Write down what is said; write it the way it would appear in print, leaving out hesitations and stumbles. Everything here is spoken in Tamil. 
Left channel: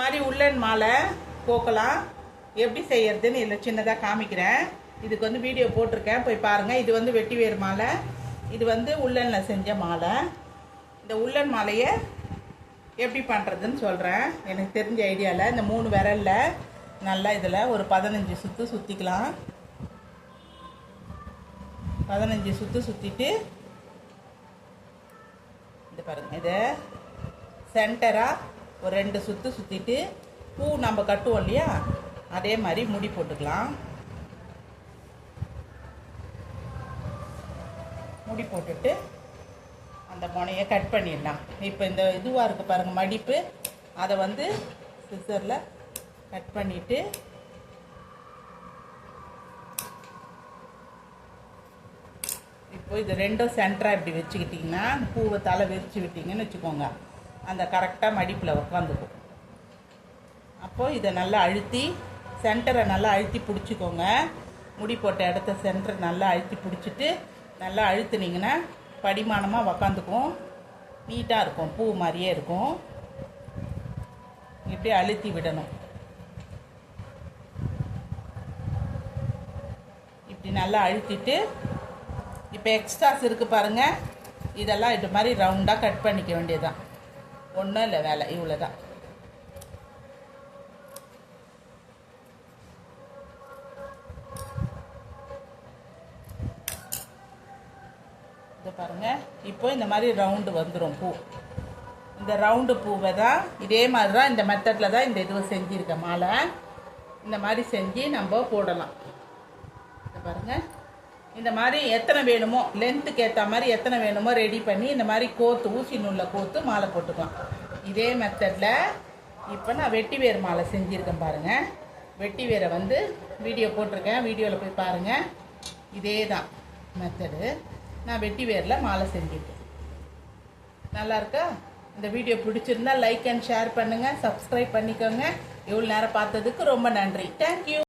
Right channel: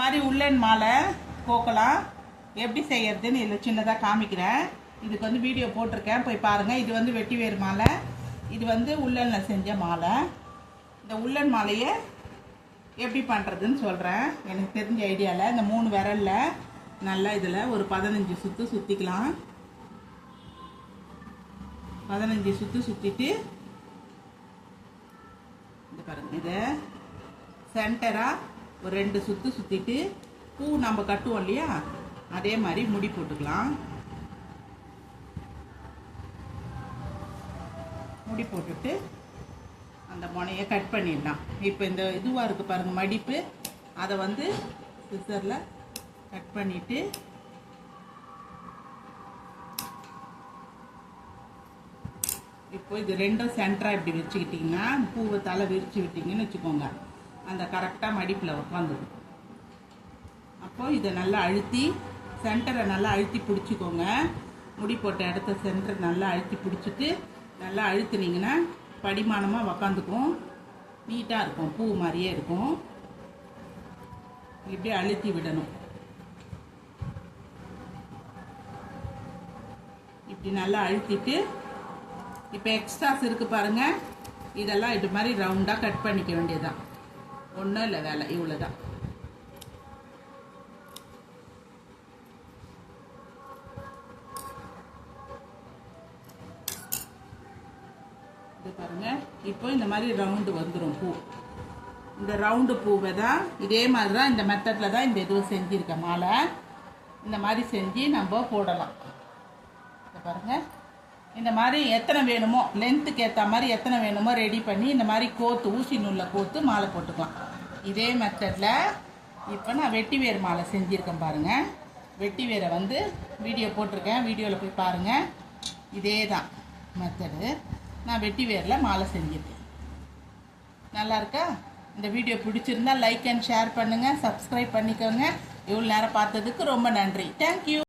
மாதிரி உள்ளன் மாலை கோக்கலாம் எப்படி செய்யறதுன்னு இதில் சின்னதாக காமிக்கிறேன். இதுக்கு வந்து வீடியோ போட்டிருக்கேன், போய் பாருங்கள். இது வந்து வெட்டி வேறு மாலை, இது வந்து உள்ளனில் செஞ்ச மாலை. இந்த உள்ளன் மாலையை எப்படி பண்ணுறதுன்னு சொல்கிறேன். எனக்கு தெரிஞ்ச ஐடியாவில் இந்த 3 விரலில் நல்லா இதில் ஒரு 15 சுற்று சுற்றிக்கலாம். 15 சுற்று சுற்றிட்டு இது பாருங்கள், இதை சென்டராக ஒரு 2 சுற்று சுற்றிட்டு பூ நம்ம கட்டுவோம் இல்லையா, அதே மாதிரி முடி போட்டுக்கலாம். முடி போட்டுட்டு அந்த முனையை கட் பண்ணிடலாம். இப்போ இந்த இதுவாக இருக்குது பாருங்கள் மடிப்பு, அதை வந்து சிசரில் கட் பண்ணிவிட்டு இப்போ இது ரெண்டும் சென்டராக இப்படி வச்சுக்கிட்டிங்கன்னா பூவை தலை விரித்து விட்டிங்கன்னு வச்சுக்கோங்க, அந்த கரெக்டாக மடிப்பில் உட்காந்துக்கும். அப்போது இதை நல்லா அழுத்தி சென்டரை நல்லா அழுத்தி பிடிச்சிக்கோங்க. முடி போட்ட இடத்த சென்டர் நல்லா அழுத்தி பிடிச்சிட்டு நல்லா அழுத்துனீங்கன்னா படிமானமாக உக்காந்துக்கும், நீட்டாக இருக்கும், பூ மாதிரியே இருக்கும். இப்படி அழுத்தி விடணும். இப்படி நல்லா அழுத்திட்டு இப்போ எக்ஸ்ட்ராஸ் இருக்குது பாருங்கள், இதெல்லாம் இது மாதிரி ரவுண்டாக கட் பண்ணிக்க வேண்டியதுதான். ஒன்றும் இல்லை, வேலை இவ்வளோதான். இது பாருங்கள், இப்போ இந்த மாதிரி ரவுண்டு வந்துடும் பூ. இந்த ரவுண்டு பூவை தான் இதே மாதிரி தான் இந்த மெத்தடில் தான் இந்த இதுவை செஞ்சுருக்கேன் மாலை. இந்த மாதிரி செஞ்சு நம்ம போடலாம். இதை பாருங்கள், இந்த மாதிரி எத்தனை வேணுமோ லென்த்துக்கு ஏற்ற மாதிரி எத்தனை வேணுமோ ரெடி பண்ணி இந்த மாதிரி கோத்து ஊசி நூலில் கோத்து மாலை போட்டுக்கலாம். இதே மெத்தடில் இப்போ நான் வெட்டி வேர் மாலை செஞ்சுருக்கேன் பாருங்கள். வெட்டி வேரை வந்து வீடியோ போட்டிருக்கேன், வீடியோவில் போய் பாருங்கள். இதே தான் மெத்தடு, நான் வெட்டி வேரில் மாலை செஞ்சுருக்கேன். நல்லா இருக்கா? இந்த வீடியோ பிடிச்சிருந்தா லைக் அண்ட் ஷேர் பண்ணுங்கள், சப்ஸ்கிரைப் பண்ணிக்கோங்க. இவ்வளோ நேரம் பார்த்ததுக்கு ரொம்ப நன்றி. தேங்க்யூ.